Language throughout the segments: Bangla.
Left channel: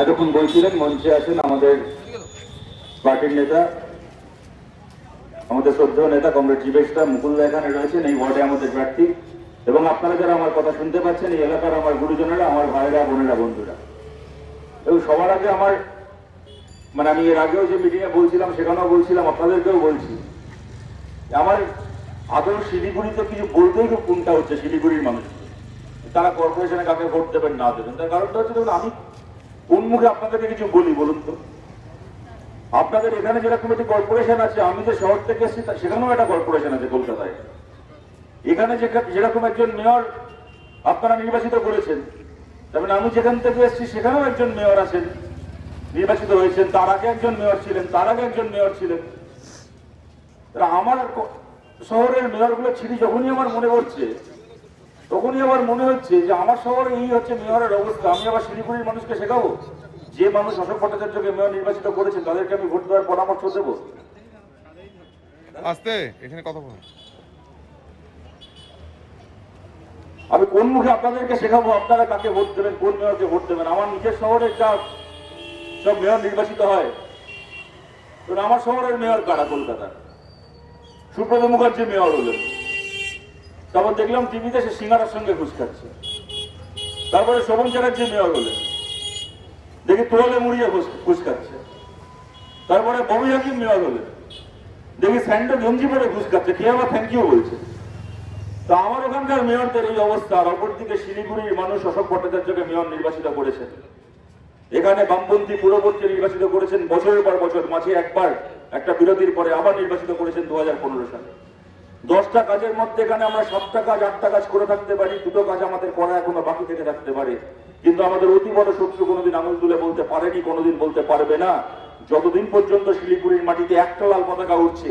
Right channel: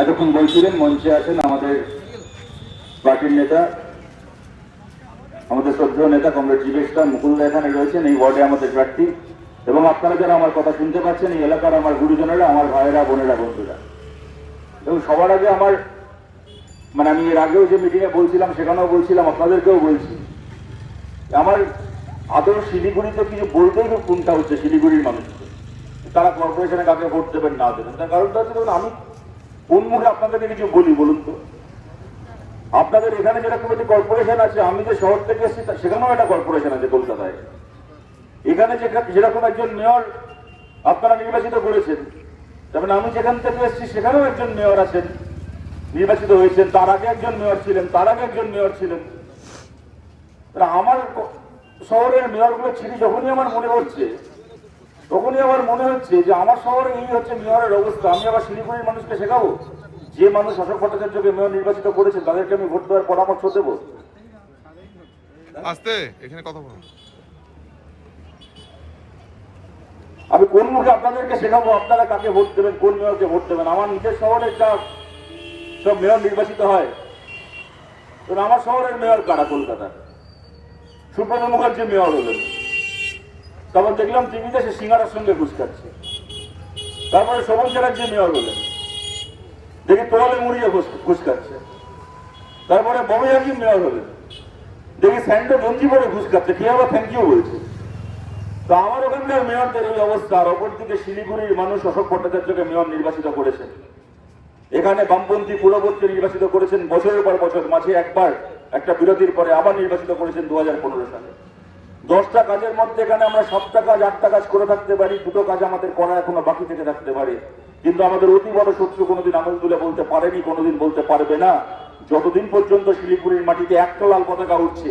এতক্ষণ বলছিলেন মঞ্চে আছেন আমাদের পার্টির নেতা, আমাদের শ্রদ্ধেয় নেতা কমরেড জীবেশদা মুকুলদা এখানে রয়েছেন, এই ওয়ার্ডে আমাদের প্রার্থী। এবং আপনারা যারা আমার কথা শুনতে পাচ্ছেন, এই এলাকার আমার গুরুজনেরা, আমার ভাইয়েরা, বোনেরা, বন্ধুরা। এবং সবার আগে আমার আমি এর আগেও যে মিটিংয়ে বলছিলাম, সেখানেও বলছিলাম, আপনাদেরকেও বলছি, আমার আদৌ শিলিগুড়িতে কিছু বলতেই খুব কোনটা হচ্ছে শিলিগুড়ির মানুষ তারা কর্পোরেশনে কাকে ভোট দেবেন না দেবেন। তার কারণটা হচ্ছে দেখুন, আমি কোন মুখে আপনাদেরকে কিছু বলি বলুন তো? আপনাদের এখানে যেরকম একটি কর্পোরেশন আছে, আমি যে শহর থেকে এসেছি সেখানেও একটা কর্পোরেশন আছে কলকাতায়। এখানে যেরকম একজন মেয়র আপনারা নির্বাচিত করেছেন, যেমন আমি যেখান থেকে এসেছি সেখানেও একজন মেয়র আছেন, নির্বাচিত হয়েছেন। তার আগে একজন মেয়র ছিলেন, তার আগে একজন মেয়র ছিলেন। আমার শহরের মেয়রগুলো ছিঁড়ি যখনই আমার মনে হচ্ছে, তখনই আমার মনে হচ্ছে যে আমার শহরে এই হচ্ছে মেয়রের অবস্থা। আমি আবার শিলিগুড়ির মানুষকে শেখাবো? যে মানুষ অশোক ভট্টাচার্যকে মেয়র নির্বাচিত করেছে তাদেরকে আমি ভোট দেওয়ার পরামর্শ দেবো? এখানে কথা বলুন। আমি কোন মুখে আপনাদেরকে শেখাবো আপনারা কাকে ভোট দেবেন, কোন মেয়রকে ভোট দেবেন? আমার নিজের শহরে সব মেয়র নির্বাচিত হয়। তো আমার শহরের মেয়র কারা? কলকাতা সুব্রত মুখার্জি মেয়র হলেন, তখন দেখলাম টিভিতে সে সিঙ্গারার সঙ্গে ঘুষ খাচ্ছে। তারপরে শোভন চ্যাটার্জি মেয়র হলেন, দেখি তোয়ালে মুড়িয়ে ঘুষ খাচ্ছে। তারপরে বড় হাকিম মেয়র হলেন, দেখি স্যান্ডো গঞ্জি পরে ঘুষ খাচ্ছে, কি আবার থ্যাংক ইউ বলছে। তো আমার ওখানকার মেয়রদের এই অবস্থা। আর অপরদিকে শিলিগুড়ির মানুষ অশোক ভট্টাচার্যকে মেয়র নির্বাচিত করেছেন। এখানে বামপন্থী পূর্ববর্তী নির্বাচিত করেছেন বছরের পর বছর, মাঝে একবার একটা বিরতির পরে আবার নির্বাচিত করেছেন 2015 সালে। 10টা কাজের মধ্যে এখানে আমরা 7টা কাজ 8টা কাজ করে থাকতে পারি, 2টো কাজ আমাদের করা এখনো বাকি থেকে থাকতে পারে। কিন্তু আমাদের অতি বড় শত্রু কোনোদিন আঙুল তুলে বলতে পারেনি, কোনোদিন বলতে পারবে না। যতদিন পর্যন্ত শিলিগুড়ির মাটিতে একটা লাল পতাকা উঠছে,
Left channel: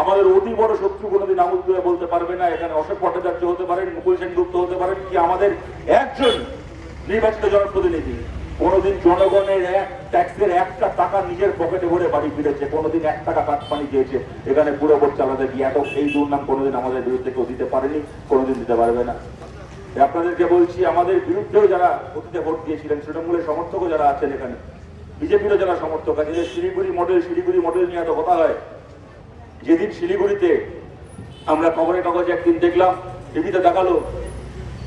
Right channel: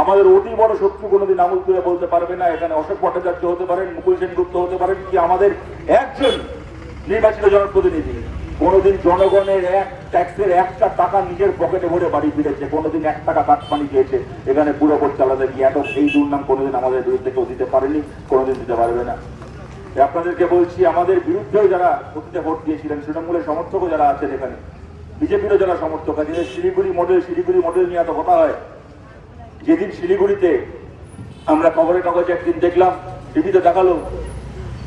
আমাদের অতি বড় শত্রু কোনোদিন আঙুল তুলে বলতে পারবে না। এখানে অশোক ভট্টাচার্য হতে পারেন, মুকুল সেনগুপ্ত হতে পারেন, কি আমাদের একজন নির্বাচিত জনপ্রতিনিধি কোনোদিন জনগণের ট্যাক্সের একটা টাকা নিজের পকেটে ভরে বাড়ি ফিরেছে, কোনোদিন 1 টাকা কাটপানি দিয়েছে এখানে পুরো ভোট চালাতে গিয়ে? এই দুর্নাম কোনোদিন আমাদের বিরুদ্ধে কেউ দিতে পারেনি, কোনোদিন দিতে পারবে না। আপনাদেরকে বলছি, আমাদের বিরুদ্ধেও যারা অতীতে ভোট দিয়েছিলেন, তৃণমূলের সমর্থকও যারা আছেন এখানে, বিজেপিরও যারা সমর্থক আছেন, শিলিগুড়ি মডেল নিয়ে এত কথা হয়। যেদিন শিলিগুড়িতে আমরা খবরের কাগজে একদিন দেখলাম, টিভিতে দেখালো,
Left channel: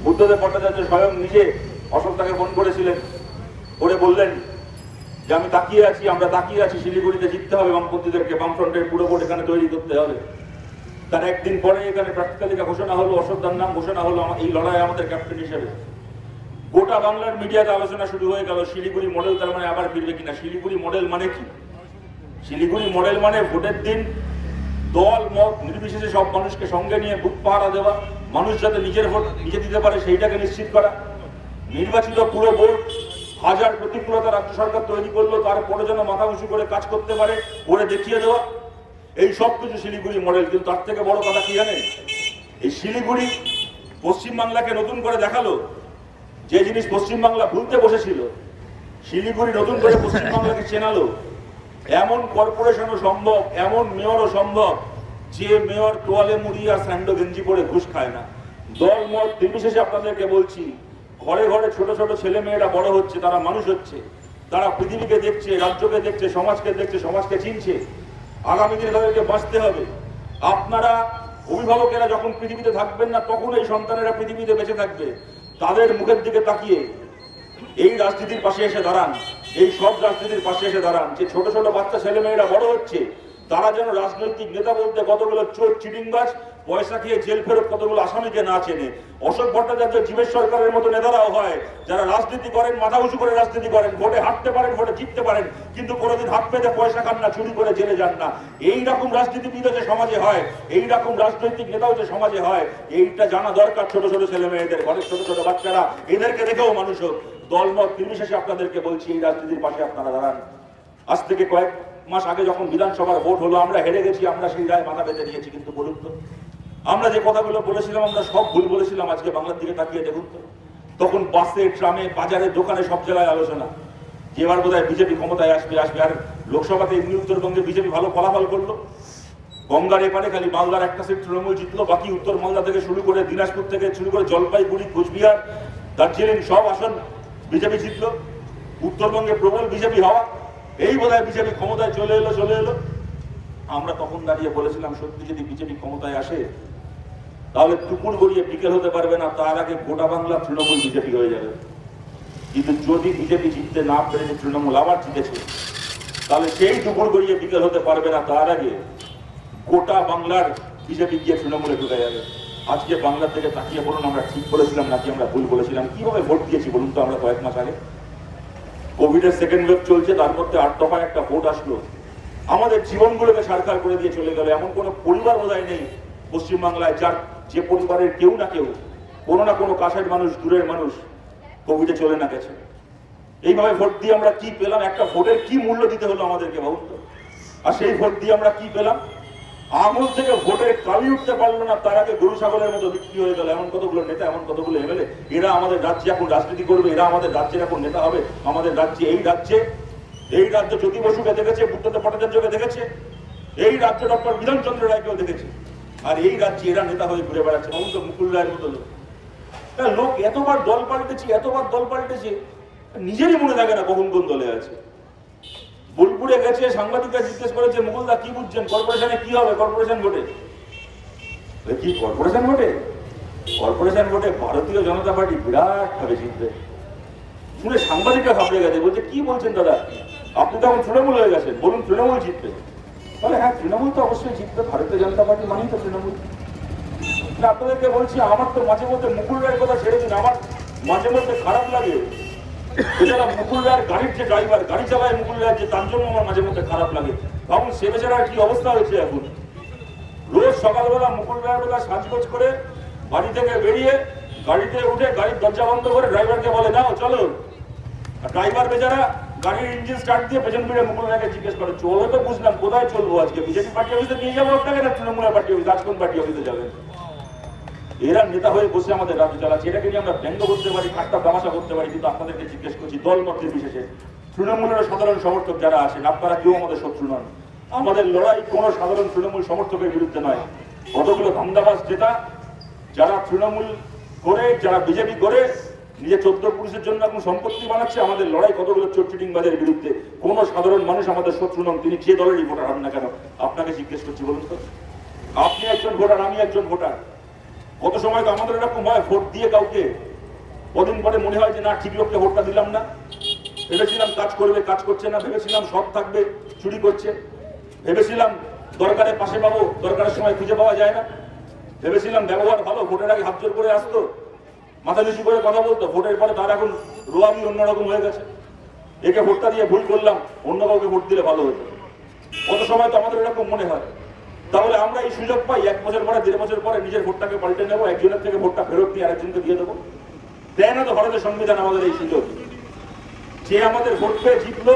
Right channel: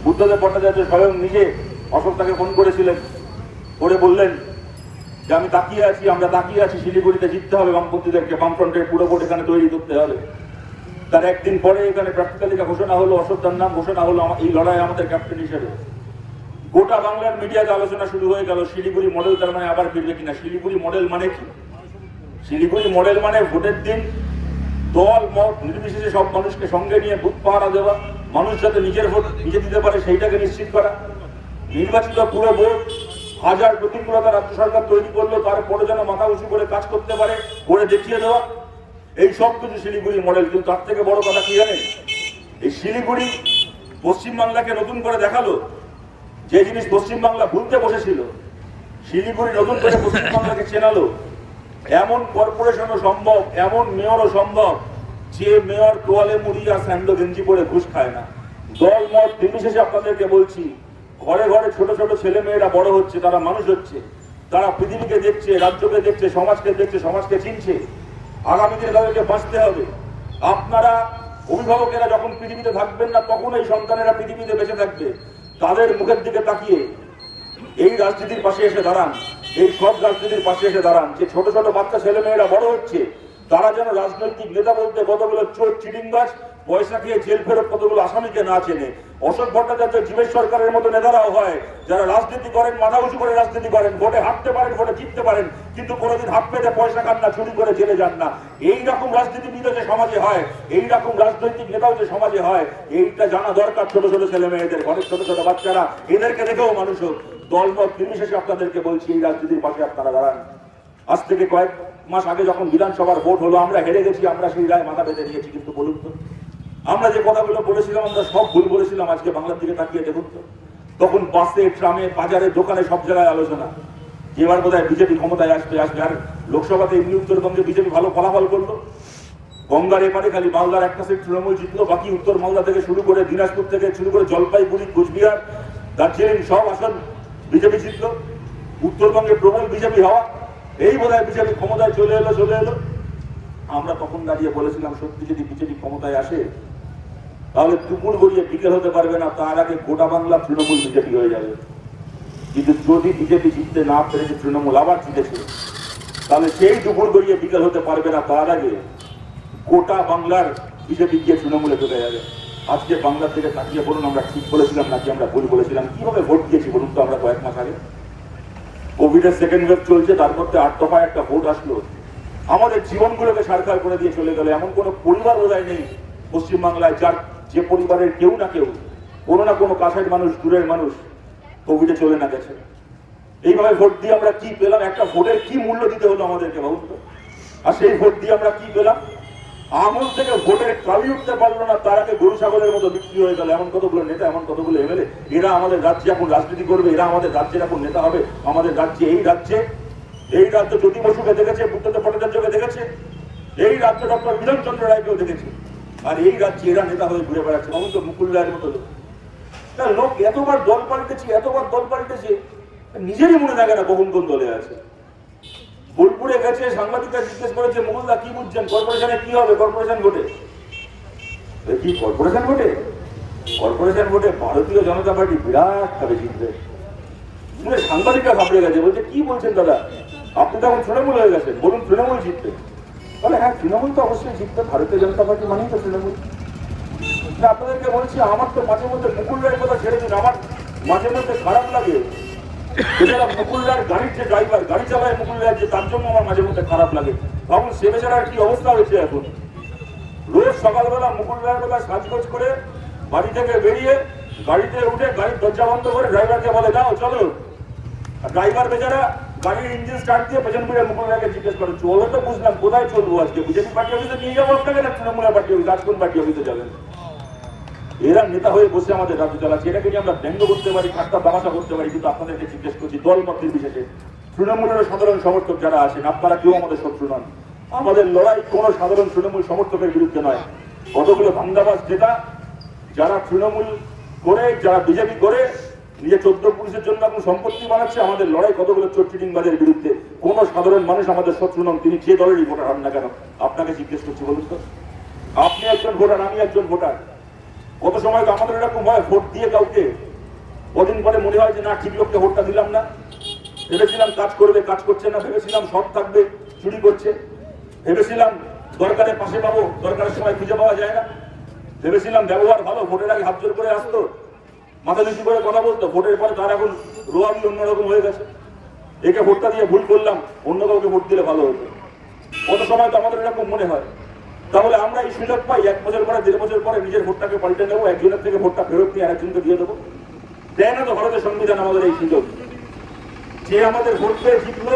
বুদ্ধদেব ভট্টাচার্য স্বয়ং নিজে অশোক তাকে ফোন করেছিলেন, করে বললেন যে আমি তাকিয়ে আছি, আমরা তাকিয়ে আছি, শিলিগুড়িতে জিততে হবে বামপন্থীদেরকে, বামফ্রন্টের পুরো ভোট এখানে তৈরি করতে হবে। তার একদিন পরে এখানে প্রার্থী তালিকা ঘোষণা হলো, অশোকদার নাম ঘোষণা হলো এই লড়াই আমাদের ক্যাপ্টেন হিসেবে। গোটা বাংলার মিডিয়াতে আলোচনা শুরু হয়ে গেল, শিলিগুড়ি মডেল তার মানে আবার ফিরবে কিনা। শিলিগুড়ি মডেল মানে কি? শিলিগুড়ি মডেল মানে ভোটের দিন দল মত নির্বিশেষে সব মানুষকে সঙ্গে নিয়ে বুথ পাহারা দেওয়া, মানুষ যাতে নিজের ভোট নিজে দিতে পারে সেইটাকে নিশ্চিত করা। নির্বাচিত পুরো ভোট হাজার প্রতিকূলতা রাজ্য সরকার তৈরি করলো, তারপরে যেন মাথা উঁচু করে কাজ করতে পারে, করে দেখিয়ে দেওয়া, এই সব কিছু শিলিগুড়ি মডেল। কিন্তু তার থেকে বড় কথা কি জানেন? এই শিলিগুড়ি পশ্চিমবাংলাকে নতুন করে দেখালো যে জিনিস পশ্চিমবাংলা ভুলতে বসেছিল, শিলিগুড়ি নতুন করে পশ্চিমবাংলাকে চেনালো। এমন কর্পোরেশনও সম্ভব, এমন মেয়রও সম্ভব যে মেয়র তোয়ালে মুড়ি আর স্যান্ডো গেঞ্জি পরে ঘুষ খায় না। দল মত নির্বিশেষে আপনাদেরকে বলছি, ঘরে ঘরে ছোট ছোট ছেলে মেয়েরা বড় হচ্ছে, তারা মানুষ হচ্ছে, তারা পৃথিবীকে দেখছে, রাজ্যকে দেখছে, সমাজকে দেখছে, সমাজকে চিনছে। আগামী দিনে তাদেরকে বাঁচতে হবে। আপনারা অভিভাবকেরা যখন পৃথিবীতে থাকবেন না, তখন এই সন্তানেরা পৃথিবীতে বেঁচে থাকবে। তাদের মুখের দিকে তাকিয়ে এই রাজনীতির পাশে এসে দাঁড়ান, এই সব রাজনীতির পাশে এসে দাঁড়ান। যে ছোট ছোট বাচ্চা ছেলে মেয়েরা বড় হচ্ছে, তারা যেন রাজনৈতিক নেতা বলতে কতগুলো চোর চিটিংবাজ, পয়সা খেয়ে জেল ফেরত কতগুলো আসামিকে না চেনে। অশোক ভট্টাচার্য, জীবেশ সরকারের মতো নেতারাও হয় যারা রাজনীতি করেন, মাথা উঁচু করে রাজনীতি করেন, ভোটে হাঁটতে পারেন, ভোটে জিততে পারেন, কিন্তু কোনোদিন হাত পেতে পয়সা খান না, চুরি করে জেলে যান না। এইরকম রাজনীতিবিদও যে সমাজে হয়, এইরকম রাজনৈতিক নেতাও যে সমাজে হয়, এইটা জানা দরকার ছোট ছোট ছেলে মেয়েদের, অনেক ছোট ছোট বাচ্চারা, এদেরকে দেখেও মানুষ হোক। দলমত নির্বিশেষে আপনাদেরকে বলছি, এই রাজনীতির পাশে আপনারা দাঁড়ান। আজ থেকে কয়েক মাস আগে যখন বিধানসভার ভোট হলো, আমরা হেরে গেছি, আমরা সেই রায় মাথা বেঁধে নিয়েছি। কিন্তু বলুন তো, আমরা যে কথাগুলো বলেছিলাম, আমরা সব ভুল বলেছিলাম। আজকে বাংলার দিকে তাকিয়ে দেখুন তো, তখন বাসে, ট্রামে, বাজারে, দোকানে, সব জায়গায় আলোচনা যে এবার বোধহয় বিজেপি ক্ষমতায় আসবে। আর লোকসভাতে এমনি উত্তরবঙ্গে বিজেপি ভালো ফলাফল করলো। গঙ্গার এপারে খালি মালদার একটা সিট তৃণমূল জিতলো, বাকি উত্তর মালদা থেকে শুরু করে, দিনাজপুর থেকে শুরু করে, জলপাইগুড়ি, কোচবিহার, দার্জিলিং, সব আসন বিজেপি জিতলো। উত্তরবঙ্গে প্রবল বিজেপি হওয়া, এই বোধহয় বিজেপি ক্ষমতায় চলে এলো। আমরা তখন দাঁড়িয়ে বলেছিলাম সত্যি যদি বিজেপি ক্ষমতায় আসে তাহলে দুপুর গড়িয়ে বিকেল হতে পারবে না, তার আগে গোটা বাংলা তৃণমূল বিজেপি হয়ে যাবে। কিন্তু যদি বিজেপি জিততে না পেরে তৃণমূল আবার জিতেছে, তাহলে সেই দুপুর গড়িয়ে বিকেল হতে পারবে না, তার আগে গোটা বাংলার বিজেপি গিয়ে তৃণমূলে ঢুকে যাবে। আজকে বাংলা থেকে তাকিয়ে বলুন আমরা ঠিক বলেছিলাম নাকি আমরা ভুল বলেছিলাম? কিভাবে ভোট দিয়েছি বলুন তো আমরা কয়েক মাস আগে? কোভিডের সেকেন্ড ওয়েভ চলছে, তার মধ্যে 8 দফায় একটা ভোট আসলো, আমাদের জীবনগুলোকে সারকার করে দিয়ে চলে গেল। এমন কোনো পরিবার বোধহয় নেই পশ্চিমবাংলায় যার যে পরিবারের কেউ না কেউ কোনো না কোনো কাছের মানুষ, দূরের মানুষ কোভিডে চলে না গেছে। এইভাবে ভোট দিয়ে আমরা কি পেলাম? একটা ভোটের কি মূল্য দিতে হলো আমাদেরকে ভাবুন তো। আর সেই ভোট দিয়ে আমরা কি পেলাম? আমল থেকে ভোটের কালি উঠতে পারলো না, তার আগে গরু ছাগলের মতো বিক্রি হয়ে গেল। এমন কতগুলো নেতা, এমন কতগুলো এমএলএ, এরা আমাদের রাজ্যে এখন রাজনীতি করবে, এরা আমাদের রাজ্যের এখন নেতা হবে। আমাদের রাজ্যে এই রাজ্য জ্যোতি বসুকে দেখেছে, বুদ্ধদেব ভট্টাচার্যকে দেখেছে, এই রাজ্য ডক্টর বিধানচন্দ্র রায়কেও দেখেছে, আর এই রাজ্যে এরা নেতা হয়ে ঘুরে বেড়াচ্ছে। ভাবুন তো, মুকুল রায়ের মতো লোক এতবার দল পাল্টেছে, নিজেরই মনে থাকে না কখন কোন দলে আছে। বোলপুরে গেছে, সাংবাদিকরা জিজ্ঞেস করেছে মুকুলদা কি বুঝছেন, কর্পোরেশনে কি হবে? কর্পোরেশন ভোটে কি কর্পোরেশন ভোটে ভারতীয় জনতা পার্টি বিরাট ভাবে জিতবে। শুনে সাংবাদিকরা ঘাবড়ে গেছে, বলছে কি বলছেন দাদা, আপনি তো এখন তৃণমূল হয়ে গেছেন, বলুন তৃণমূল জিতবে? তাহলে হ্যাঁ, তৃণমূল তো অবশ্যই জিতবে, ভারতীয় জনতা পার্টি মানেই তো তৃণমূল। আপনাদেরকে বলছি, আমার তো মাঝে মধ্যে মুকুল রায়ের কথা ছেড়ে দিন, আমার মাঝে মধ্যে খারাপ লাগে। মুকুল রায়ের গাড়ির যে ড্রাইভার, গাড়ি চালায় মুকুল রায়ের, যে তার জন্য আমার মাঝে মধ্যে খারাপ লাগে। তখন সে বেচারার কি অবস্থা হয়েছে এখন। রোজ সকালবেলা মুকুল রায়ের বেলা সাজগোজ করে বাড়ি থেকে বেরিয়ে গাড়িতে উঠে গাড়ির দরজা বন্ধ করে ড্রাইভারকে বলে যাও চলো। আর ড্রাইভার বেচারা গাড়ির ইঞ্জিন স্টার্ট দিয়ে পেছন ফিরে মুকুল রায়কে জিজ্ঞেস করে, চলো তো বুঝলাম, কোথায় চলবো আজকে? বিজেপি পার্টি অফিসে নিয়ে যাবো আপনাকে না তৃণমূল পার্টি অফিস, আজ কোন পার্টি অফিসে যাবেন? এরা নেতা হয়ে বসে আমাদের রাজ্য চালাচ্ছে। এটাকে নিয়ে আমরা ব্যঙ্গ করতে পারি, ঠাট্টা তামাশা করতে পারি, কিন্তু আপনাদেরকে জিজ্ঞেস করছি দল মত নির্বিশেষে তৃণমূলের সাধারণ সমর্থক যারা আছেন, আপনারা কেউ আমাদের শত্রু নন। আমাদের লড়াই কোন সাধারণ তৃণমূল সমর্থকের বিরুদ্ধে নয়। কতগুলো ধান্দাবাজ নেতা যারা তৃণমূল করে, যারা বিজেপি করে নিজে 14 পুলিশের জন্য এখন সম্পত্তি বানাচ্ছে, আমাদের লড়াই কতগুলো চোরচিটিংবাজের বিরুদ্ধে। কোন সাধারণ মানুষ আমাদের শত্রু নন, তিনি যে দলেরই ভোটার হন না কেন। আপনাকে জিজ্ঞেস করছি বলুন তো, আপনি একজন ভোটার, আমি একজন ভোটার। কত সময় তো আমাদের এরকম হয়, ভোট দিয়ে কাউকে কদিন পরে মনে হয় যে না, ঠিক লোককে ভোটটা দিলাম না। ভেবেছিলাম কাজ করবে, কাজ করছে না। ভেবেছিলাম সৎ থাকবে, চুরি করছে। ভেবেছিলাম দরকারের পাশে পাবো, দরকারের সময় খুঁজে পাওয়া যায় না। ভেবেছিলাম ব্যবহার ভালো, ভোটের আগে হাত জোর করে আসতো, মাথা নিচু করে কথা বলতো। ভোটের পরে তার এখন রোয়াবি অন্যরকম হয়ে গেছে। একে ভোটটা দিয়ে ভুল করলাম, অন্য কাউকে ভোট দিলে ভালো হতো। কত সময় তো আমাদের এরকম মনে হয়। তাহলে আমরা এই সুযোগ পাই 1 বছর পরে, 1.5 বছর পরে নিজের ভোটটাকে পাল্টে নেবো, একজনের থেকে ভোটটা ফেরত নিয়ে আরেকজনকে দিয়ে দেবো। দেয় না তো ভারতের সংবিধান আমাদের এই সুযোগ। যে আমাদের ভোট পেয়ে জিতলো,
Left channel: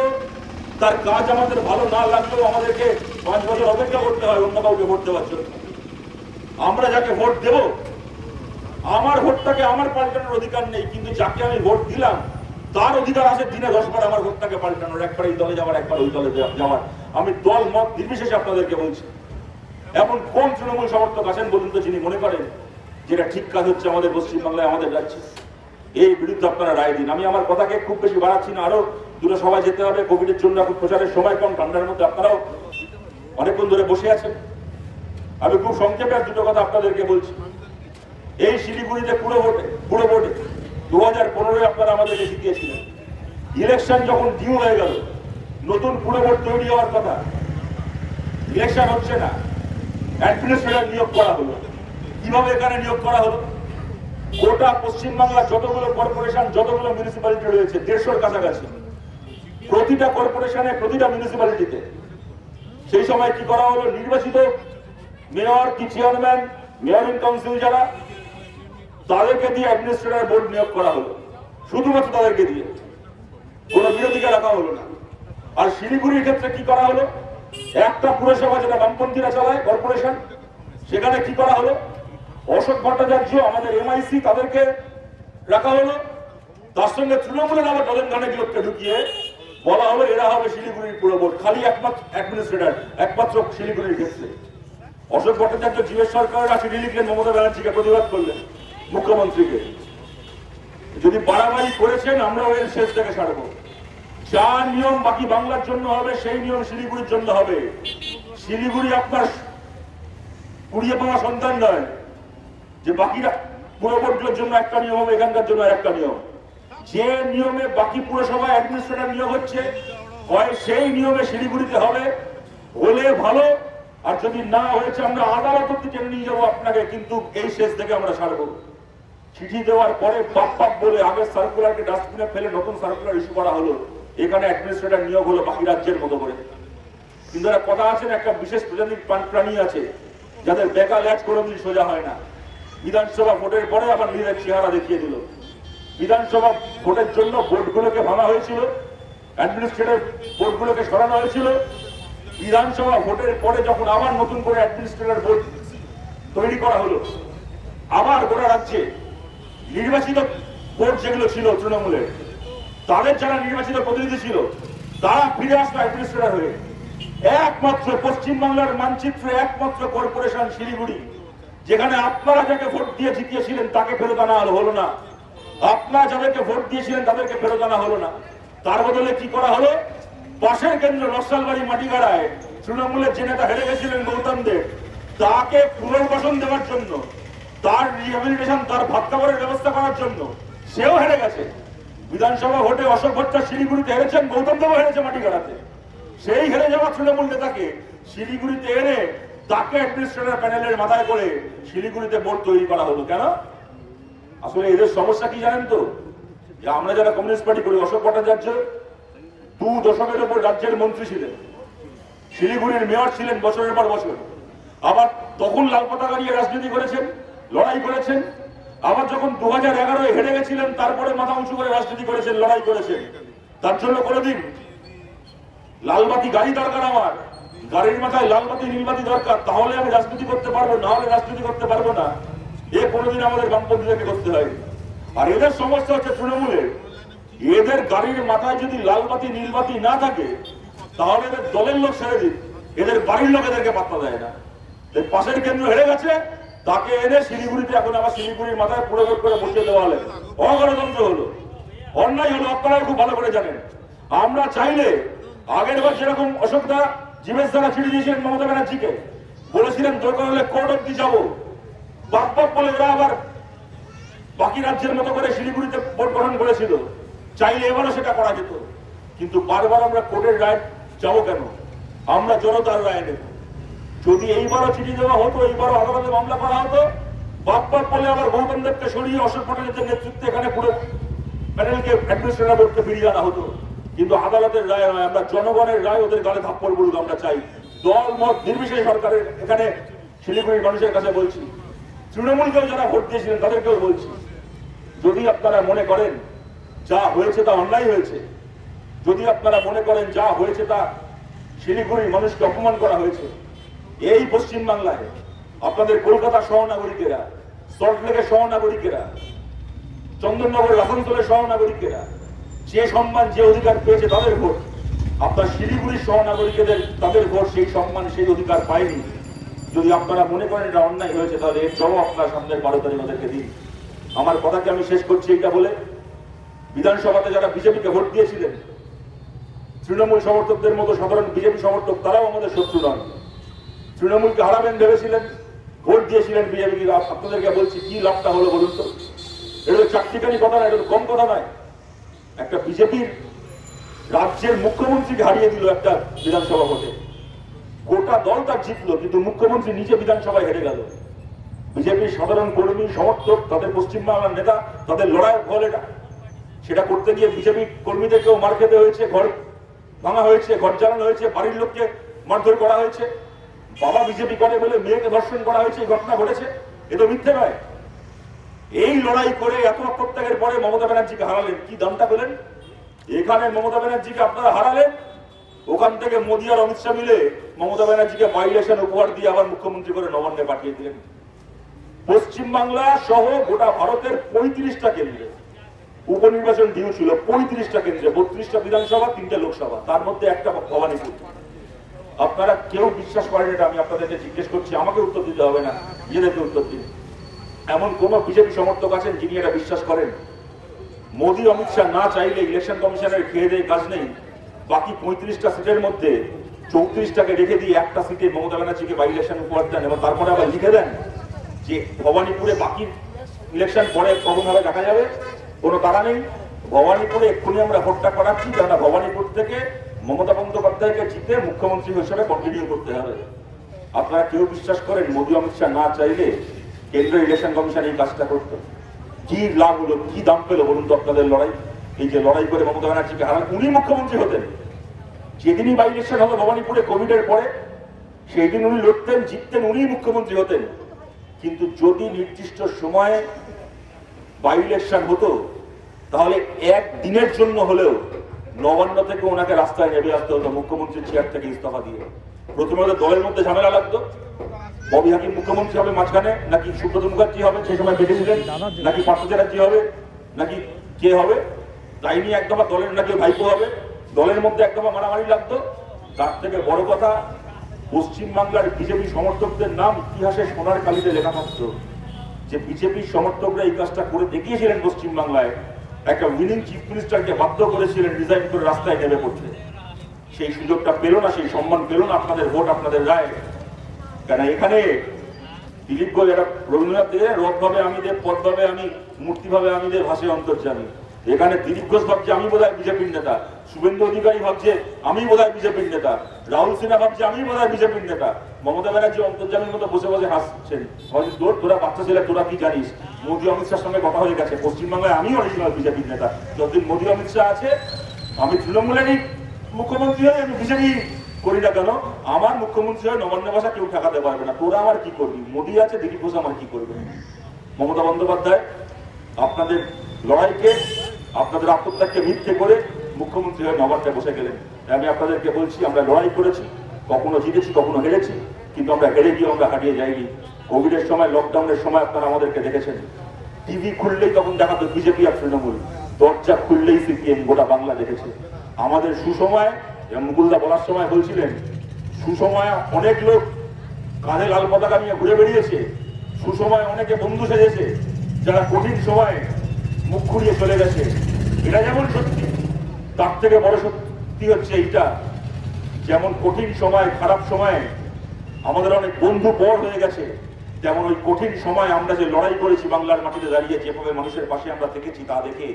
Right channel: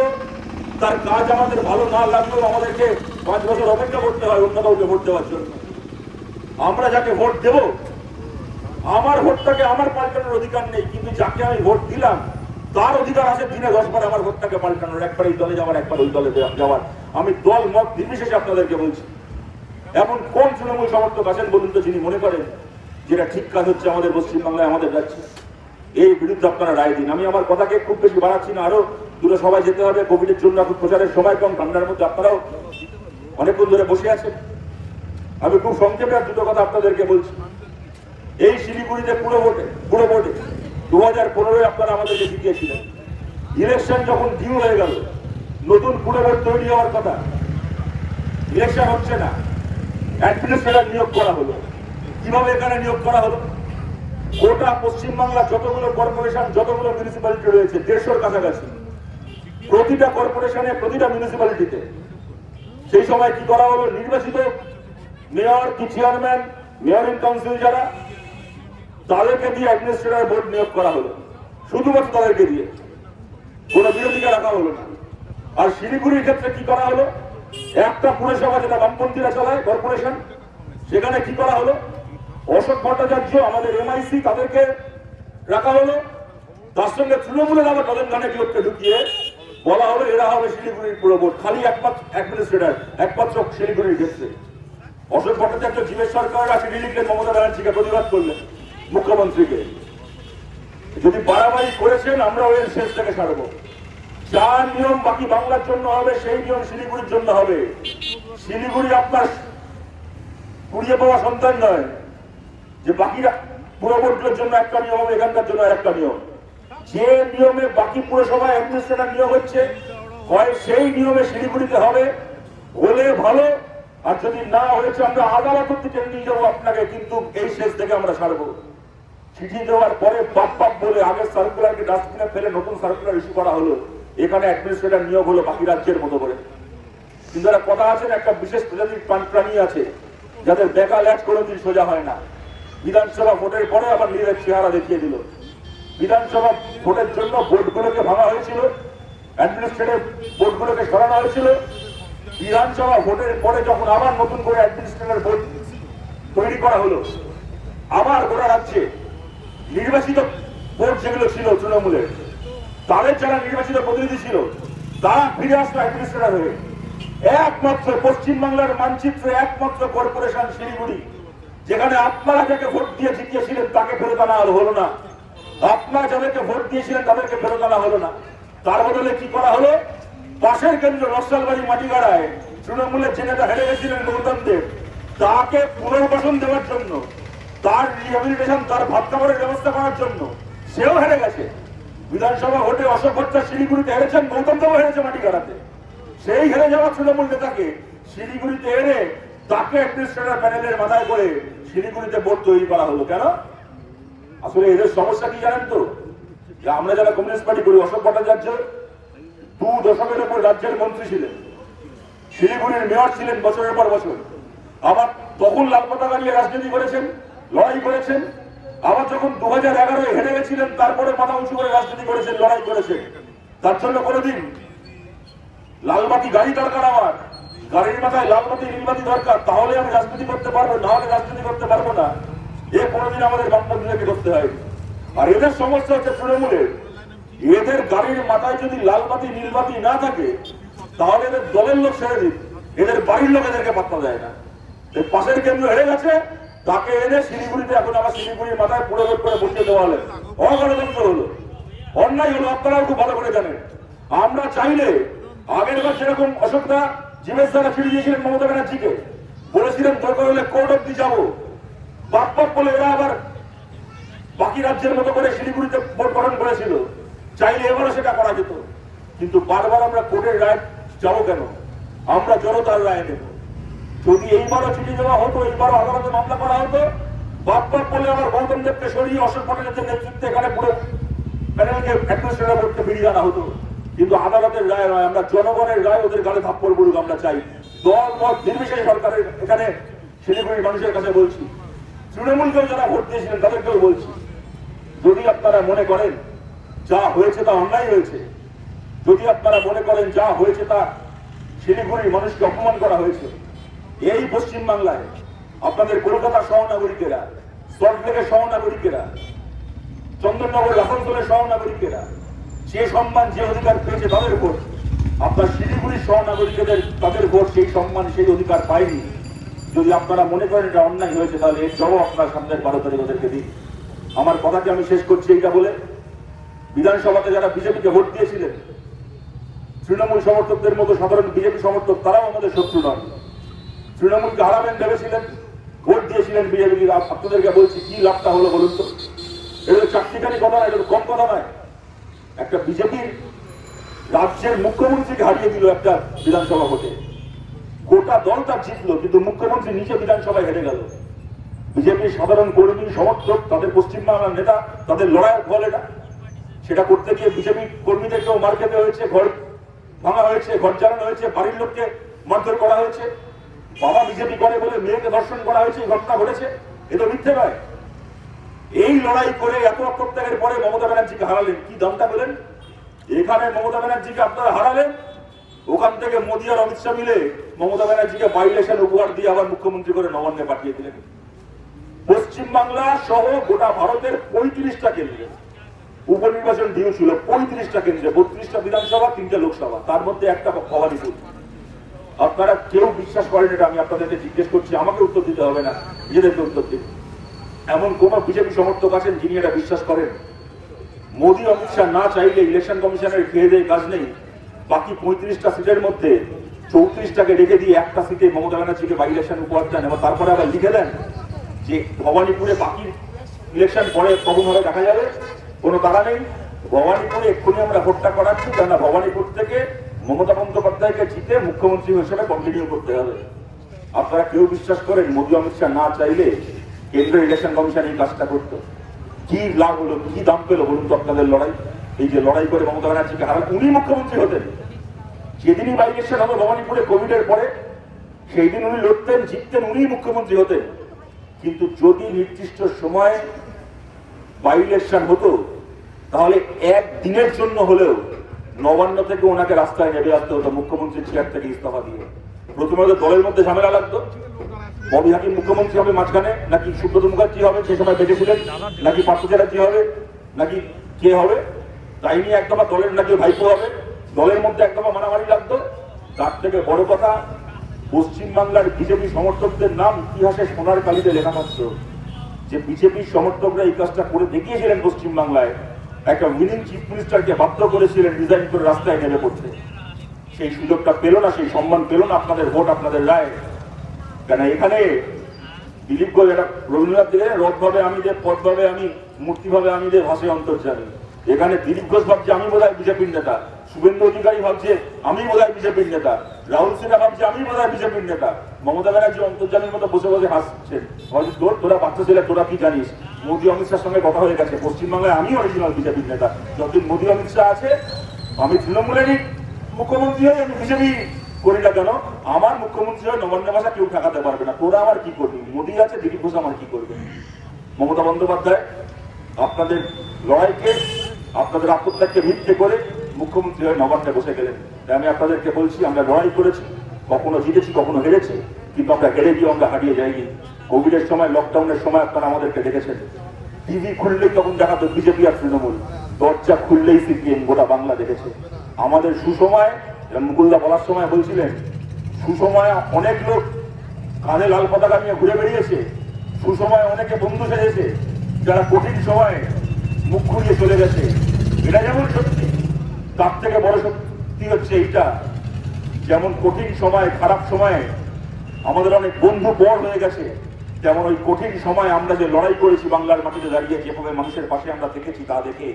তার কাজ আমাদের ভালো না লাগলেও আমাদেরকে 5 বছর অপেক্ষা করতে হয় অন্য কাউকে ভোট দেওয়ার জন্য। আমরা যাকে ভোট দেব, আমার ভোটটাকে আমার পাল্টানোর অধিকার নেই, কিন্তু যাকে আমি ভোট দিলাম তার অধিকার আছে দিনে 10 বার আমার ভোটটাকে পাল্টানোর, একবার এই দলে যাওয়ার, একবার ওই দলে যাওয়ার। আমি দল মত নির্বিশেষে আপনাদেরকে বলছি। এখন কোন তৃণমূল সমর্থক আছেন বলুন তো, যিনি মনে করেন যেটা ঠিক কাজ হচ্ছে আমাদের পশ্চিমবাংলায়, আমাদের রাজ্যে? এই বিরুদ্ধে আপনারা রায় দিন। আমি আমার কথাকে খুব বেশি বাড়াচ্ছি না, আরো দূরে সবাই যেতে হবে। কোভিডের জন্য এখন প্রচারের সময় কম, ঠান্ডার মধ্যে আপনারাও অনেকক্ষণ ধরে বসে আছেন। আমি খুব সংক্ষেপে আর দুটো কথা আপনাদেরকে বলছি। এই শিলিগুড়িতে পুরো ভোটে 2015-এ আপনারা আমাদেরকে জিতিয়েছিলেন। ইলেকশন যখন ডিউ হয়ে গেল, নতুন পুরো ভোট তৈরি হওয়ার কথা, ইলেকশন হচ্ছে না, অ্যাডমিনিস্ট্রেটর নিয়োগ করা হলো। কিভাবে এখানে নিয়োগ করা হলো? গোটা পশ্চিমবাংলা যতগুলো কর্পোরেশন, যতগুলো মিউনিসিপ্যালিটি রয়েছে, 150-র কাছাকাছি, প্রতিটা কর্পোরেশনে, প্রতিটা মিউনিসিপ্যালিটিতে সেই সময় কি করা হলো? নির্বাচিত মেয়র কি চেয়ারম্যান, মেয়র ইন কাউন্সিল যারা, তাদেরকে দিয়ে অ্যাডমিনিস্ট্রেটর বোর্ড নিয়োগ করা হলো, শুধুমাত্র তাদেরকে দিয়ে, কোনো বিরোধীকে রাখা হলো না। আর শিলিগুড়ির ক্ষেত্রে কি করা হলো? একটা পুরসভা যেটা বামপন্থীরা চালায়, কর্পোরেশন, সেখানে কি করা হলো? অশোক ভট্টাচার্য, আমাদের এমআইসি, তাদেরকে রাখা হলো। তার সঙ্গে তৃণমূলের আবার তাদের কানে লোককে ঢুকিয়ে বলা হলো এরা হবে শিলিগুড়ির পুরো বোর্ড, খালি একমাত্র অ্যাডমিনিস্ট্রেটর, একমাত্র শিলিগুড়ির ক্ষেত্রে। অশোক ভট্টাচার্য জিজ্ঞেস সরকাররা চিঠি লিখলেন মমতা ব্যানার্জিকে, প্রতিবাদ করলেন মুখ্যমন্ত্রীকে, যদি বাড়াবাড়ি করেছেন আমরা এর শেষ থেকে সারবো। যা নিয়ম বাকি বাংলার জন্য হবে সেই নিয়ম শিলিগুড়ির জন্য হবে। শিলিগুড়ি আপনার কুড়িয়ে পাওয়া সন্তান নয় যে বাকিরা পুরবর্তীর জন্য একটা নিয়ম হবে, এখানকার জন্য একটা নিয়ম। যে নিয়মে বাকি পুরসভায় অ্যাডমিনিস্ট্রেটর নিয়োগ হচ্ছে হয় সেই নিয়মে শিলিগুড়িতে হবে, হলে ভালো। আর যদি না হয়েছে আমরা আদালত অব্দি টেনে নিয়ে যাবো আপনাকে, কিন্তু এই শেষ থেকে আমরা ছাড়বো। চিঠি দেওয়ার পরে বাপ বলে আগের সার্কুলারকে ডাস্টবিনে ফেলে নতুন সার্কুলার ইস্যু করা হলো, এখানে অ্যাডমিনিস্ট্রেটর নিয়োগ হলো বাকি রাজ্যের মতো করে। কিন্তু একটা কথা আছে, একটা বিশেষ প্রজাতির প্রাণী আছে যাদের বেকা ল্যাচ কোনোদিন সোজা হয় না। বিধানসভা ভোটের পরে আবার নিজেদের চেহারা দেখিয়ে দিল। বিধানসভা ভোটের জন্য বোর্ডগুলোকে ভাঙা হয়েছিল, অ্যাডমিনিস্ট্রেটিভ বোর্ডগুলোকে সরানো হয়েছিল। বিধানসভা ভোটের পরে যখন আবার নতুন করে অ্যাডমিনিস্ট্রেটিভ বোর্ড তৈরি করা হলো, আবার গোটা রাজ্যে নির্বাচিত বোর্ড যেগুলো ছিল তৃণমূলের, তাদের যারা নির্বাচিত প্রতিনিধি ছিল তারা ফিরে আসলো অ্যাডমিনিস্ট্রেটর হয়ে। একমাত্র পশ্চিমবাংলার মানচিত্রে একমাত্র কর্পোরেশন শিলিগুড়ি, যেখানে আপনারা যাকে ভোট দিয়ে জিতিয়েছিলেন তাকে ফেরত আনা হলো না, আপনারা যাদেরকে ভোট দিয়েছিলেন তাদেরকে ফেরত আনা হলো না। তার বদলে কি করা হলো? পাশের কেন্দ্র নকশালবাড়ি মাটিগাড়ায় তৃণমূলের যে নেতা হেরে গেছিলেন গৌতম দেব, তাকে পুনর্বাসন দেওয়ার জন্য, তার রিহ্যাবিলিটেশন, তার ভাত খাবারের ব্যবস্থা করার জন্য সেও হেরে গেছে। বিধানসভা ভোটে অশোক ভট্টাচার্য শিলিগুড়িতে হেরেছেন, গৌতম দেবও হেরেছে মাটিগাড়াতে। সেই হেরে যাওয়া তৃণমূল নেতাকে শিলিগুড়িতে এনে তাকে অ্যাডমিনিস্ট্রেটর প্যানেলের মাথায় করে শিলিগুড়িতে বোর্ড তৈরি করা হলো। কেন? আসলে এদের সমস্যা কি জানেন তো? যে আমরা যারা কমিউনিস্ট পার্টি করি, অশোক ভট্টাচার্য 2 দশকের উপর রাজ্যের মন্ত্রী ছিলেন, শিলিগুড়ির মেয়র ছিলেন বছরের পর বছর। আবার তখন লাল পতাকা নিয়ে রাজনীতি করেছেন, লড়াই করেছেন। আবার যখন 2011 হেরে গেছিলেন তারপরে মাথা উঁচু করে রাজনীতি করেছেন, লড়াই করেছেন। তার জন্য কোনোদিন লালবাতি গাড়ি দরকার, আমার গাড়ির মাথায় লালবাতি নীলবাতি দরকার, তাহলে আমি রাজনীতি করতে পারবো, না হলে রাজনীতি করতে পারবো না। এ কোনোদিন আমাদের বামপন্থীদেরকে করতে হয়নি। আর এদের সমস্যা হচ্ছে তৃণমূলের, এদের গাড়ির মাথায় যদি লালবাতি নীলবাতি না থাকে তাহলে এদের দলের লোক ছেড়ে দিন, এদের বাড়ির লোক এদেরকে পাত্তা দেয় না। পাশের কেন্দ্র হেরে গেছে, তাকে এনে শিলিগুড়িতে এখন আবার শিলিগুড়ির মাথায় পুরো করে বসিয়ে দেওয়া হলো। অগণতন্ত্র হলো, অন্যায় হলো। আপনারাও খুব ভালো করে জানেন। আমরা চাইলে আগের বার যেরকম অশোকদা জীবেশ দ্বারা ছিঁড়ে দিয়েছিলেন মমতা ব্যানার্জিকে, বলেছিলেন দরকার হলে কোর্ট অব্দি যাবো, বাপ বলে ওরা আবার বাকি রাজ্যের মতো করে শিলিগুড়িতে ভোট গঠন করেছিল। চাইলে এবারও সেটা করা যেত, কিন্তু বারবার আমরা কোর্টের রায় যাবো কেন? আমরা জনতার রায় নেব। যদি এইবারও চিঠি দেওয়া হতো, এইবারও আদালতে মামলা করা হতো, বাপ বলে আবার গৌতম দেবকে সরিয়ে অশোক ভট্টাচার্যের নেতৃত্বে এখানে পুরো প্যানেলকে অ্যাডমিনিস্ট্রেটর বোর্ডকে ফিরিয়ে আনা হতো। কিন্তু আদালতের রায় নয়, আমরা জনগণের রায় ওদের গালে থাপ্পড় পড়ুক আমরা চাই। দল মত নির্বিশেষে সরকারের এখানে শিলিগুড়ির মানুষের কাছে বলছি, তৃণমূলকেও যারা ভোট দিয়েছিলেন তাদেরকেও বলছি, যদি আপনারা মনে করেন যা হয়েছে তা অন্যায় হয়েছে, যদি আপনারা মনে করেন যা হয়েছে তা শিলিগুড়ির মানুষকে অপমান করা হয়েছে, এই পশ্চিমবাংলায় আপনাদের কলকাতার সহনাগরিকেরা, সল্টলেকের সহনাগরিকেরা, চন্দননগরের আসানসোলের সহনাগরিকেরা যে সম্মান যে অধিকার পেয়েছে তাদের ভোট, আপনার শিলিগুড়ির সহনাগরিকদের তাদের ভোট সেই সম্মান সেই অধিকার পায়নি। যদি আপনারা মনে করেন এটা অন্যায় হয়েছে, তাহলে এর জবাব আপনার সামনে 12 তারিখ ওদেরকে দিন। আমার কথাকে আমি শেষ করছি এইটা বলে, বিধানসভাতে যারা বিজেপিকে ভোট দিয়েছিলেন, তৃণমূল সমর্থকদের মতো সাধারণ বিজেপি সমর্থক তারাও আমাদের শত্রু নন। তৃণমূলকে হারাবেন ভেবেছিলেন, ভোট দিয়েছিলেন বিজেপি। আপনাদেরকে বলছি কি লাভটা হলো বলুন তো? এটা চাকরিকারী কথা না, এটা কম কথা নয়। একটা বিজেপির রাজ্যের মুখ্যমন্ত্রীকে হারিয়ে দিল একটা বিধানসভা ভোটে, গোটা দল তার জিতলো, কিন্তু মুখ্যমন্ত্রী নিচে বিধানসভায় হেরে গেল। বিজেপির সাধারণ কর্মী সমর্থক, তাদের পশ্চিমবাংলার নেতা, তাদের লড়াই ফল এটা। সেটা করতে গিয়ে বিজেপি কর্মীদেরকেও মার খেতে হয়েছে, ঘর ভাঙা হয়েছে, ঘর জ্বালানো হয়েছে, বাড়ির লোককে মারধর করা হয়েছে, বাবা বিজেপি করে বলে মেয়েকে ধর্ষণ করা হয়েছে, এই ঘটনা ঘটেছে। এ তো মিথ্যে নয়। এই লড়াই করে এত আত্মত্যাগের পরে মমতা ব্যানার্জিকে হারালেন, কি দামটা পেলেন? এখানে মমতা ব্যানার্জিকে আপনারা হারালেন, ওখান থেকে মোদী আর অমিত শাহ মিলে মমতা ব্যানার্জিকে বাইলেশন উপহার দিয়ে আবার মুখ্যমন্ত্রী করে নবান্নে পাঠিয়ে দিলেন। পশ্চিমবাংলা সহ গোটা ভারতের 35টা কেন্দ্রে উপনির্বাচন ডিউ ছিল, 35টা কেন্দ্রে, 32টা বিধানসভা, 3টে লোকসভা, তার মধ্যে একটা ভবানীপুর। আপনারা কেউ বিশ্বাস করেন এটা, আমি আপনাদেরকে জিজ্ঞেস করছি, আমাকে উত্তর দিতে হবে না, নিজেদেরকে উত্তর দিন। এমন কোন বিজেপি সমর্থক আছেন যিনি এটা বিশ্বাস করেন মোদী অমিত শাহ না চাইলে ইলেকশন কমিশনের খেয়ে দিয়ে কাজ নেই। বাকি 35টা সিটের মধ্যে 34টাকে রেখে দিয়ে একটা সিটে মমতা ব্যানার্জিকে বাই ইলেকশন উপহার দেন এবং তারপরে আবার লিখে দেন যে ভবানীপুরে বাকি ইলেকশন পরে কখন হবে দেখা যাবে, কোনো তারা নেই। ভবানীপুরে এক্ষুনি আমরা ভোটটা করাচ্ছি, কেননা ভবানীপুর থেকে মমতা বন্দ্যোপাধ্যায়কে জিতে মুখ্যমন্ত্রী হিসেবে কন্টিনিউ করতে হবে। আপনারা কেউ বিশ্বাস করেন মোদী অমিত শাহ না চাইলে কেন্দ্রীয় ইলেকশন কমিশন এই কাজটা করতো? কি লাভ হলো, কি দাম পেলো বলুন তো আপনাদের লড়াই? এই যে লড়াই করে মমতা ব্যানার্জিকে হারান, উনি মুখ্যমন্ত্রী হতেন। যেদিনই বাই ইলেকশন হবে ভবানীপুরে কোভিডের পরে, সেই দিন উনি লড়তেন, জিততেন, উনি মুখ্যমন্ত্রী হতেন। কিন্তু যদি নির্দিষ্ট সময়ে বাই ইলেকশন হতো তাহলে একদিনের জন্য হলেও নবান্ন থেকে ওনাকে রাস্তায় নেমে আসতে হতো মুখ্যমন্ত্রীর চেয়ার থেকে ইস্তফা দিয়ে। প্রথমে দলের মধ্যে ঝামেলা লাগতো, ববি হাকিম মুখ্যমন্ত্রী হবে মাঝখানে, নাকি সুব্রত মুখার্জি হবে সেই সময় বেঁধেছিলেন, নাকি পার্থ চ্যাটার্জি হবে, নাকি কে হবে, তাই নিয়ে একদফা দলের নাকি ভাইপো হবে, দলের মধ্যে একদফা মারামারি লাগতো। তার থেকে বড় কথা, পশ্চিমবাংলার বিজেপি সমর্থকদের নাম ইতিহাসে সোনার কালিতে লেখা থাকতো যে বিজেপির সমর্থকরা এই কাজটা করে দেখিয়েছিলেন পশ্চিমবাংলায়, একটা উইনিং চিফ মিনিস্টারকে বাধ্য করেছিলেন রিজাইন করে রাস্তায় নেমে পড়তে। সেই সুযোগটা পেল না, সেই সম্মান পেল না আপনাদের ভোট, আপনাদের রায়। কেন এখানে দিলীপ ঘোষ একটা রবীন্দ্রনাথ দিয়ে রথ ভাবে আমি দেব, পথ ভাবে আমি, মূর্তি ভাবে আমি দেব, ভাষে অন্তর্যামী। এখানে দিলীপ ঘোষ ভাবছে আমি বোধহয় বিজেপির নেতা, শুভেন্দু অধিকারী ভাবছে আমি বোধহয় বিজেপির নেতা, রাহুল সিনহা ভাবছে আমি বোধহয় বিজেপির নেতা, মমতা ব্যানার্জি অন্তর্যামীর মতো বসে বসে হাসছেন। তোরা বাচ্চা ছেলে, তোরা কি জানিস? মোদী অমিত শাহের সঙ্গে কথা হয়ে গেছে, পশ্চিমবাংলায় আমি অরিজিনাল বিজেপির নেতা। যতদিন মোদী অমিত শাহ আছে আমি তৃণমূলেরই মুখ্যমন্ত্রী হই, আমি বিজেপি করি না কেন, আমার মুখ্যমন্ত্রী হয় নবান্ন ভাষা কেউ ঠেকাতে পারবে না। তোরা আমার কি করবি? মোদী আছে, দিলীপ ঘোষ আমার কি করবে? মমতা বন্দ্যোপাধ্যায় আপনাদের লড়াইকে, আপনাদের আত্মত্যাগকে ভিত্তি করে মুখ্যমন্ত্রী হয়ে নবান্নে বসে গেলেন। তাই আমি আপনাদেরকে বলছি, আমরা লড়াই করেছি, কখনো জিতেছি, কখনো হেরেছি, কিন্তু আমরা হেরে গিয়ে আমরা হারিয়ে যাইনি। কোভিডের সময়, লকডাউনের সময় আপনারা আমাদেরকে দেখেছেন, টিভি খুললেই তখন দেখাতো বিজেপি আর তৃণমূল, দরজা খুললেই সিপিএম, গোটা বাংলা দেখেছে। আমাদের সুসময়, মুকুলদা বলার সময় বলছিলেন, সুসময় অনেক লোক কাঁধে লাল পতাকা নিয়ে ঘুরে বেরিয়েছে, সুসময় অনেকে বন্ধু সেজেছে, যারা কঠিন সময় মুখ ঘুরিয়ে চলে গেছে। এটা যেমন সত্যি, তার থেকে বড় সত্যি হচ্ছে এইটা, যেমন কঠিন সময়, খারাপ সময়ে আমাদের অনেক বন্ধু বড় হয়ে গেছে, তেমন ওই কঠিন সময় আমরা যে লড়াই করেছি বাংলার মাটিতে দাঁড়িয়ে, যেভাবে মানুষের পাশে আমরা থেকেছি, তা দেখে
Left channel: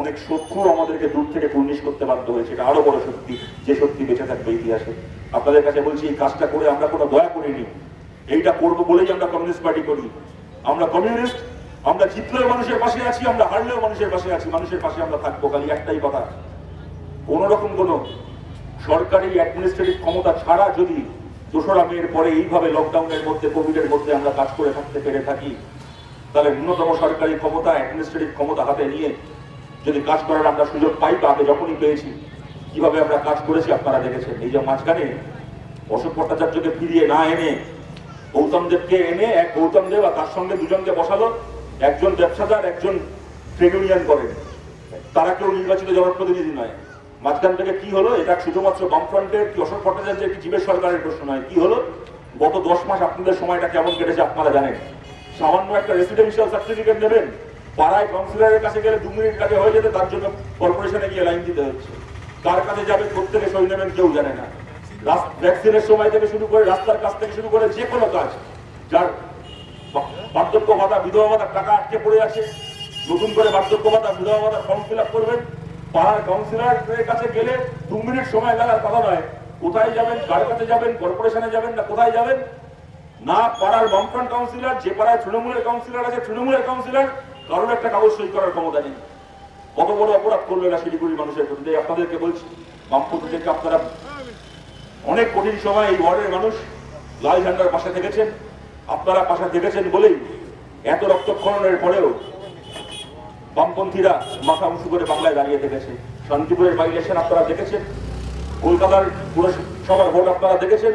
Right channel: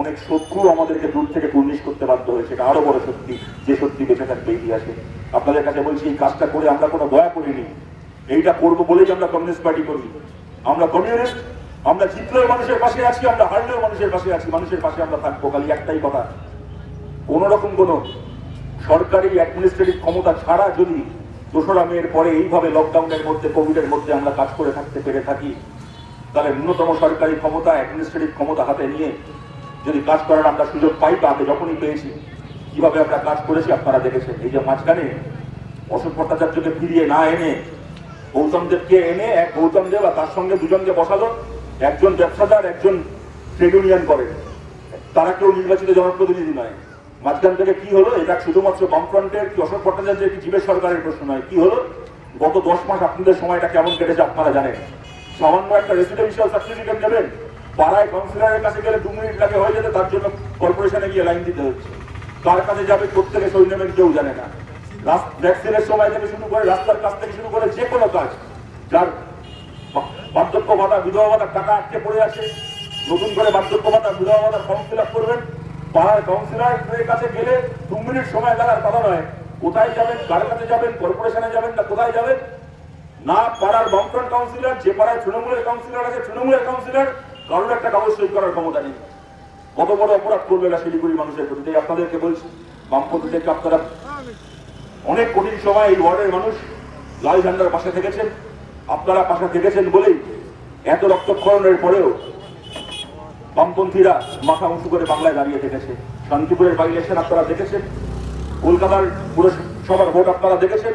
অনেক শত্রু আমাদেরকে দূর থেকে কুর্নিশ করতে বাধ্য হয়েছে। এটা আরো বড় সত্যি, যে সত্যি বেঁচে থাকবে ইতিহাসে। আপনাদের কাছে বলছি, এই কাজটা করে আমরা কোনো দয়া করিনি, এইটা করবো বলেই আমরা কমিউনিস্ট পার্টি করি। আমরা কমিউনিস্ট, আমরা জিতলেও মানুষের পাশে আছি, আমরা হারলেও মানুষের পাশে আছি, মানুষের পাশে আমরা থাকবো। খালি একটাই কথা, কোন রকম কোন সরকারি অ্যাডমিনিস্ট্রেটিভ ক্ষমতা ছাড়া যদি 2রা মের পরে এইভাবে লকডাউনের মধ্যে, কোভিডের মধ্যে আমরা কাজ করে থাকতে পেরে থাকি, তাহলে ন্যূনতম সরকারি ক্ষমতা, অ্যাডমিনিস্ট্রেটিভ ক্ষমতা হাতে নিয়ে যদি কাজ করার আমরা সুযোগ পাই, বা আগে যখনই পেয়েছি কিভাবে আমরা কাজ করেছি আপনারা দেখেছেন। এই যে মাঝখানে অশোক ভট্টাচার্যকে ফিরিয়ে না এনে গৌতম দেবকে এনে, এক গৌতম দেব আর তার সঙ্গে দুজনকে বসালো, একজন ব্যবসাদার, একজন ট্রেড ইউনিয়ন করেন, তারা কেউ নির্বাচিত জনপ্রতিনিধি নয়। মাঝখান থেকে কি হলো? এটা শুধুমাত্র বামফ্রন্টের কি অশোক ভট্টাচার্যের কি জীবের সরকারের প্রশ্ন নয়। কি হলো? গত 10 মাস আপনাদের সময়টা কেমন কেটেছে আপনারা জানেন। সামান্য একটা রেসিডেন্সিয়াল সার্টিফিকেট দেবেন, পাড়ায় কাউন্সিলরের কাছে গেলে 2 মিনিট কাছে হয়ে যেতে, তার জন্য কর্পোরেশনে গিয়ে লাইন দিতে হচ্ছে। কার কাছে যাবে, প্রত্যেকে সই নেবেন, কেউ জানে না। ভ্যাকসিনের সময় থেকে শুরু করে, রাস্তার কাছ থেকে শুরু করে যে কোনো কাজ, যার বার্ধক্য ভাতা, বিধবা ভাতার টাকা আটকে পড়ে আছে, নতুন করে বার্ধক্য ভাতা, বিধবা ভাতার ফর্ম ফিল আপ করবেন, পাড়ার কাউন্সিলরের কাছে গেলে 2 মিনিট সময় লাগার কথা নয়। কোথায় যাবেন, কার কাছে যাবেন, কর্পোরেশনে যাবেন না কোথায় যাবেন, না পাড়ার বামফ্রন্ট কাউন্সিলর, যে পাড়ায় তৃণমূলের কাউন্সিলর আছে তৃণমূলের কাউন্সিলর, কারোর একটা কাগজ সই করার ক্ষমতা নেই। কত বড় অপরাধ করবে এরা শিলিগুড়ি মানুষের প্রতি। আপনাদেরকে বলছি, বামপন্থী থেকে আপনারা অনেক কঠিন সময় এই ওয়ার্ডের মানুষ লাল ঝান্ডার পাশে থেকেছেন, আপনারা পাশে থেকেছেন বলেই এত রক্তক্ষরণের পরেও বামপন্থীরা মাথা উঁচু করে বাংলায় দাঁড়িয়ে থেকেছে। শান্তিপুরের বাই ইলেকশন আপনারা দেখেছেন, কলকাতার পুরসভার ভোট আপনারা দেখেছেন,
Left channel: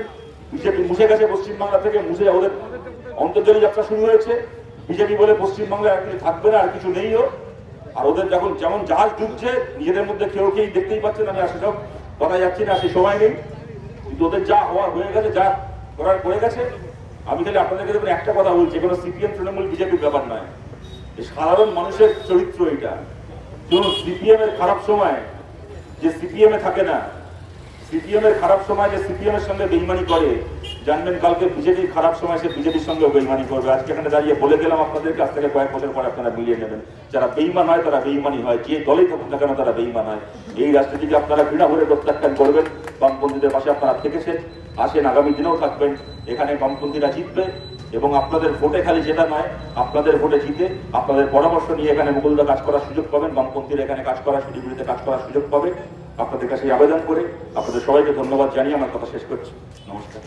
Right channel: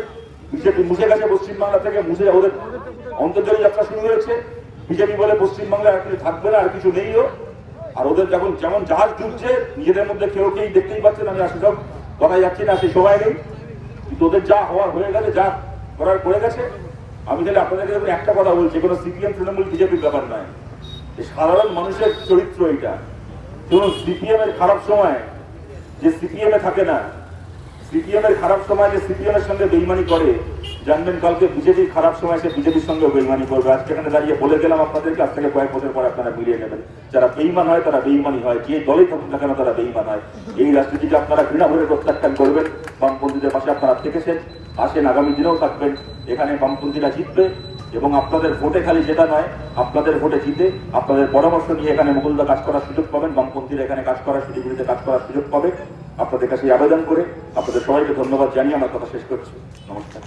বিজেপি মুছে গেছে পশ্চিমবাংলা থেকে, মুছে ওদের অন্তর্জনী যাত্রা শুরু হয়েছে। বিজেপি বলে পশ্চিমবাংলায় আর কিছু থাকবে না, আর কিছু নেইও। আর ওদের যখন যেমন জাহাজ ডুবছে, নিজেদের মধ্যে কেউ দেখতেই পাচ্ছেন, আমি আসলে সব কথা যাচ্ছি না, সেই সময় নেই, কিন্তু ওদের যা হওয়ার হয়ে গেছে, যা করার করে গেছে। আমি তাহলে আপনাদেরকে দেখুন একটা কথা বলছি, কোনো সিপিএম তৃণমূল বিজেপির ব্যাপার নয়, সাধারণ মানুষের চরিত্র এটা। ধরুন সিপিএম এর খারাপ সময় যে সিপিএম এ থাকে না, সিপিএম এর খারাপ সময় যে সিপিএম এর সঙ্গে বেইমানি করে, জানবেন কালকে বিজেপির খারাপ সময় সে বিজেপির সঙ্গে বেইমানি করবে। আজকে এখানে দাঁড়িয়ে বলে গেলাম আপনাদের কাছ থেকে কয়েক বছর পর আপনারা মিলিয়ে নেবেন। যারা বেইমান হয় তারা বেইমানি হয়, যে দলেই থাকুক না কেন তারা বেইমান হয়। এই রাজনীতিকে আপনারা ঘৃণা ভরে প্রত্যাখ্যান করবেন। বামপন্থীদের পাশে আপনারা থেকেছেন, আসেন, আগামী দিনেও থাকবেন। এখানে বামপন্থীরা জিতবে এবং আপনাদের ভোটে খালি যেটা নয়, আপনাদের ভোটে জিতে আপনাদের পরামর্শ নিয়ে এখানে মুকুলদা কাজ করার সুযোগ পাবেন, বামপন্থীরা এখানে কাজ করার সুযোগগুলিতে কাজ করার সুযোগ পাবে। আপনাদের কাছে আবেদন করে আপনাদের সবাইকে ধন্যবাদ জানিয়ে আমার কথা শেষ করছি। নমস্কার।